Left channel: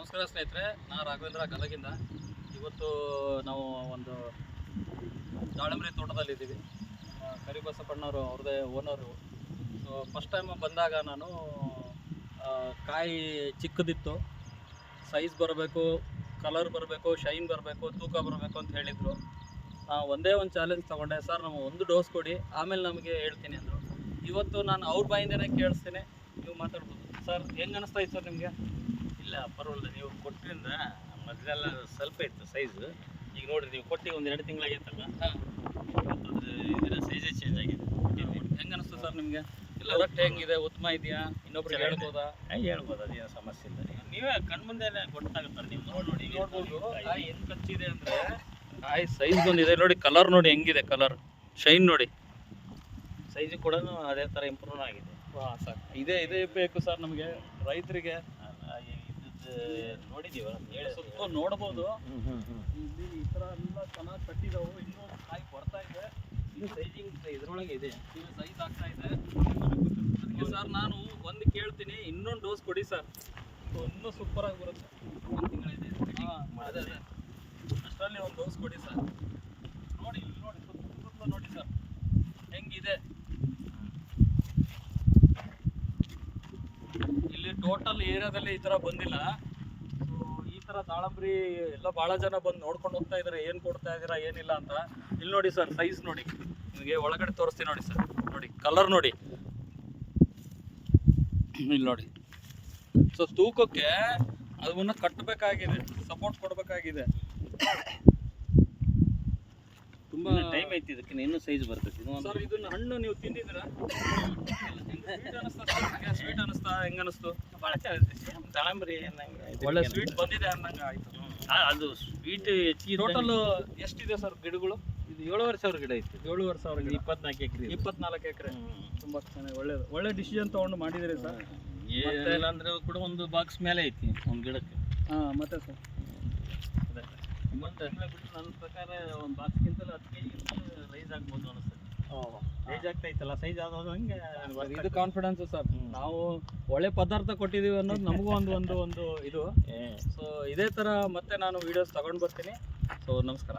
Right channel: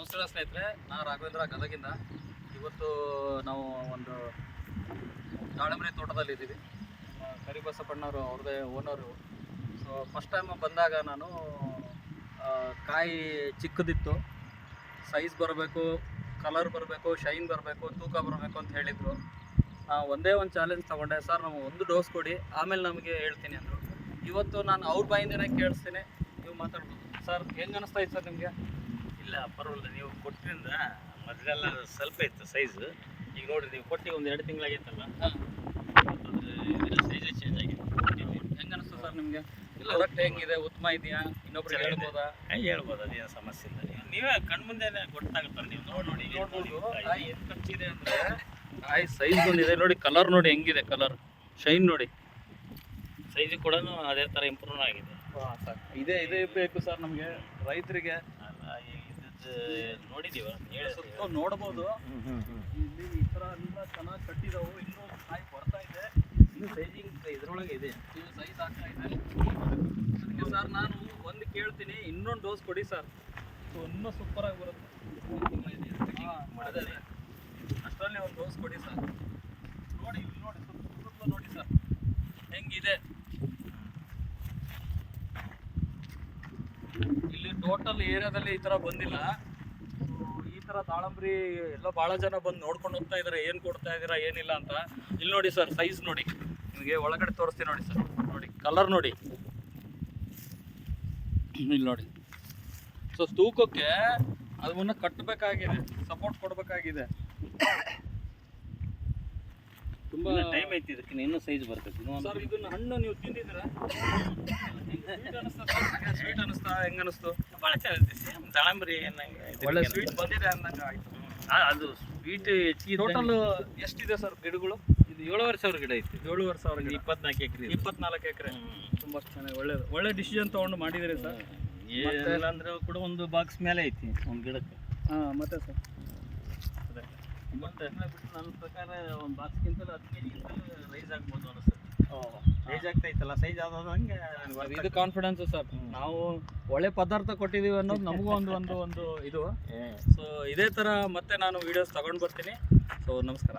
ನಮಸ್ಕಾರ ಸ್ನೇಹಿತರೆ, ನಾನು ರಾಘವೇಂದ್ರ ಗದಗಿಂದ. ಇವತ್ತು ನಾವು ಒಂದು ದಾಳಂಬ್ರಿ ತೋಟದಲ್ಲಿದ್ದೀವಿ. ಕರಿಬಸಪ್ಪಣ್ಣವರು ಅವ್ರದ್ದೇ ಓನರು. ಸೊ ಫಸ್ಟ್ ಟೈಮ್ ಬಂದಾಗ ನಾನು ಕಾಯಿ ಚಿಕ್ಕದಿತ್ತು, ಸೈಜ್ ಬರಬೇಕು, ಕಲರ್ ಬರಬೇಕು, ಶೈನ್ ಬರಬೇಕು, ತೂಕ ಬರಬೇಕು ಅಂತ ಹೇಳಿದರು. ಒಂದೇ ಒಂದು ಚಾಲೆಂಜ್ ತೊಗೊಂಡೆ, ಸರ್ ನಾವು ಒಂದು ಡೋಸ್ ಕೊಡಿ, ಆಮೇಲೆ ನಮಗೆ ಹೇಳ್ತೀನಿ ಅಂದರು. ಇವತ್ತು ನಾನು ಅವ್ರ ಬಾಯಿಂದನೇ ಕೇಳಿಸ್ತೀನಿ, ನೀವು ಮಾತಾಡ್ಬೋದು. ಸರ್ ಹೆಂಗೆ ಅನ್ನಿಸ್ತಾ ಇತ್ತು ಸರ್ ನಿಮಗೆ? ಇಲ್ಲ ಪರವಾಗಿಲ್ಲ, ನೀವು ಕೊಟ್ಟಿರಿಂದ ಮೊದಲೆಲ್ಲ ಸ್ವಲ್ಪ ಇತ್ತು ಸೈಜು. ಈಗ ನೋಡಿರಿ, ನೀವು ಕೊಟ್ಟು ಒಂದು 2 ತಿಂಗಳಾಗೈತಲ್ಲ, ಇದರ ಸೈಜೇ ಚೇಂಜ್ ಆಗಿದೆ. ಹೆಂಗೆ ಅನಿಸ್ತು ಸರ್ ನಿಮಗೆ? ಇಲ್ಲ ರೊಟ್ಟೆ ಹೆಂಗಿದೆ, ಉತ್ತಮ ಇದೆಯಾ? ಇನ್ನೊಬ್ರಿಗೆ ಹೇಳ್ಬೋದಾ? ಹೇಳ್ಬೋದು, ಅದೇನು ಸಮಸ್ಯೆ ಇಲ್ಲ. ನೀವೇ ಕಣ್ಮುಂದೆನೇ ಗೊತ್ತಾಗುತ್ತಲ್ಲ, ನೀವು ನೋಡಿ ನೋಡ್ಬೋದು. ಕಾಯಿ ಹೆಂಗೆ ಕಚ್ಚಿದೆ ಅಂದರೆ, ಕಾಯಿ ಸೈಜ್ ಬಂದಿದೆ ನೋಡಿ, ಕಲರ್ ನೋಡಿ ಹೆಂಗಿದೆ, ಕಲರ್ ಶೈನ್ ನೋಡಿ. ಸೈಜು ಕೂಡ ಅದೇ ಥರ ಇಂಪ್ರೂವ್ ಆಗಿದೆ. ಸರ್ ಇದೇ ಬೇಕು ಸರ್ ನಮಗೆ ರೈತರಿಗೆ. ನೋಡಿದೀವ, ಸುತ್ತ ನೋಡ್ಬೋದು. ಇಲ್ಲಿ ಈ ಥರ ಎಲ್ಲ ಚೆನ್ನಾಗಿ ಕಟ್ಟಿದಾವು. ಇನ್ನೂ ಕಾಯಿ ಬರ್ತಾ ಇದೆ, ಇನ್ನೂ ಸೈಜಿಂಗ್ ಇದರೊಳಗೆ ಇದೆ, ಇನ್ನು ಸೈಜ್ ಆಗ್ತಾ ಇದೆ. ಅದಕ್ಕೆ ಸರ್ ನಾನು ಒಂದು ಕೇಳ್ತೀನಿ, ಇನ್ನೊಂದು ಡೋಸ್ ಕೊಡಿ ಸರ್, ಇನ್ನೂ ಸೂಪರಾಗಿ ಬರುತ್ತೆ. ಅದೇ ಅಷ್ಟರಲ್ಲಿ ಒಂದು ಡೋಸ್ ಕೊಡಿ ಸರ್. ನೋಡಿ ಇಲ್ಲಿ ನೋಡಿ, ಸುತ್ತ ನೋಡಿ ಸರ್ ಹೆಂಗಿದೆ. ಇಲ್ಲಿ ಟೋಟಲ್ ಏರಿಯಾದಲ್ಲಿ ಈ ಥರ ಬಂದಿಲ್ಲ. ಸೊ ಈ ಥರ ದಾಳಂಬ್ರಿ ಎಲ್ಲ ಭಾಳ ಜನ ಬಂದು ನೋಡ್ಕೊಂಡು ಹೋಗ್ತಾ ಇದ್ದಾರೆ, ಏನು ಕೊಡ್ತಾ ಇದ್ದೀರಾ ಏನಿಲ್ಲ ಅಂತ. ಇಲ್ಲಿ ನೋಡಿ ಸರ್, ಸೈಜ್ ನೋಡಿ, ನಿಮಗೆ ಒಳಗಡೆ ತೋರಿಸ್ತೀನಿ ನೋಡಿ ಸರ್. ನೋಡಿ ಕಲರ್ ನೋಡಿ, ಇಲ್ಲಿ ನೋಡಿ. ಸೊ ತೂಕಕ್ಕೆ ಅದನ್ನ ಕಟ್ಟಬೇಕಾಗಿದೆ, ಸಪೋರ್ಟ್ ಕೊಡಬೇಕಾಗಿದೆ. ತುಂಬ ಟೈಮ್ ಐತಿ, ಇದಕ್ಕೆ ಇನ್ನೂ ಸೈಜ್ ಬರ್ತೈತಿ. ಸರ್ ಇದನ್ನ ಹಣ್ಣು ನೀವು ತಿಂದಿದ್ದೀರಾ? ಸ್ವೀಟ್ ಅನಿಸ್ತಾ? ಹೆಂಗೆ ಅನಿಸ್ತು? ಭಾಳ ಚೆನ್ನಾಗಿದೆ. ಸೇಮ್ ದಾಳಂಬ್ರಿ ಅನ್ನಂಗೆ ಒಳ್ಳೆ ಸ್ವೀಟ್ ಬಂದಿದೆ ಅನ್ನಂಗೆ ಆಯಿತು. ಅದು ಸ್ವೀಟ್ ಹೆಚ್ಚಿಗೆ. ಟೋಟಲ್ ಎಷ್ಟಿದೆ ಸರ್ ಗಿಡಗಳು? ಇದು 7,500 ಗಿಡ ಐತಿ. 7,500 ಗಿಡ, 24 ಎಕರೆ. 24 ಎಕರೆ. ತುಂಬ ಚೆನ್ನಾಗಿ ಒಳ್ಳೆ ಡಿಸಿಷನ್ ತೊಗೊಂಡು ಮಾಡಿದ್ದೀರಿ ಸರ್. ಏನಿಲ್ಲ ಅಂದ್ರೆ ಕೂಡ ಒಂದು ಬಾಕ್ಸ್ ಮೇಲೆ ಐತಿ ಒಂದು ಗಿಡಕ್ಕೆ. ಮತ್ತೆ ಸರ್ ಅದೇ ಬಟ್ ನನ್ನ ಪ್ರಕಾರ ಒಂದು ಬಾಕ್ಸ್ಗಿಂತಲೂ 10 kg ರೈಸ್ ಆಗ್ಬೋದು ಅನಿಸ್ತದೆ. ರೈಸ್ ಆಗ್ತೈತಲ್ಲ, ಸೈಜ್ ಆದಂಗೆ ಇದು ಕಾನ್ಫಿಡೆನ್ಸ್ ಸರ್. ನಾವು ಒಳ್ಳೆ ಪದಾರ್ಥ ಕೊಟ್ಟಿದ್ದೀವಿ ಅನ್ನೋದು ನಮಗೂ ಒಂದು ಇದು. ಸೊ ಇದೇ ಥರ ಮತ್ತೆ ನಾನು ವೀಡಿಯೋಸ್ ತಗೊಂಡು ಬರ್ತೀನಿ. ಸೊ ನಮಸ್ಕಾರ.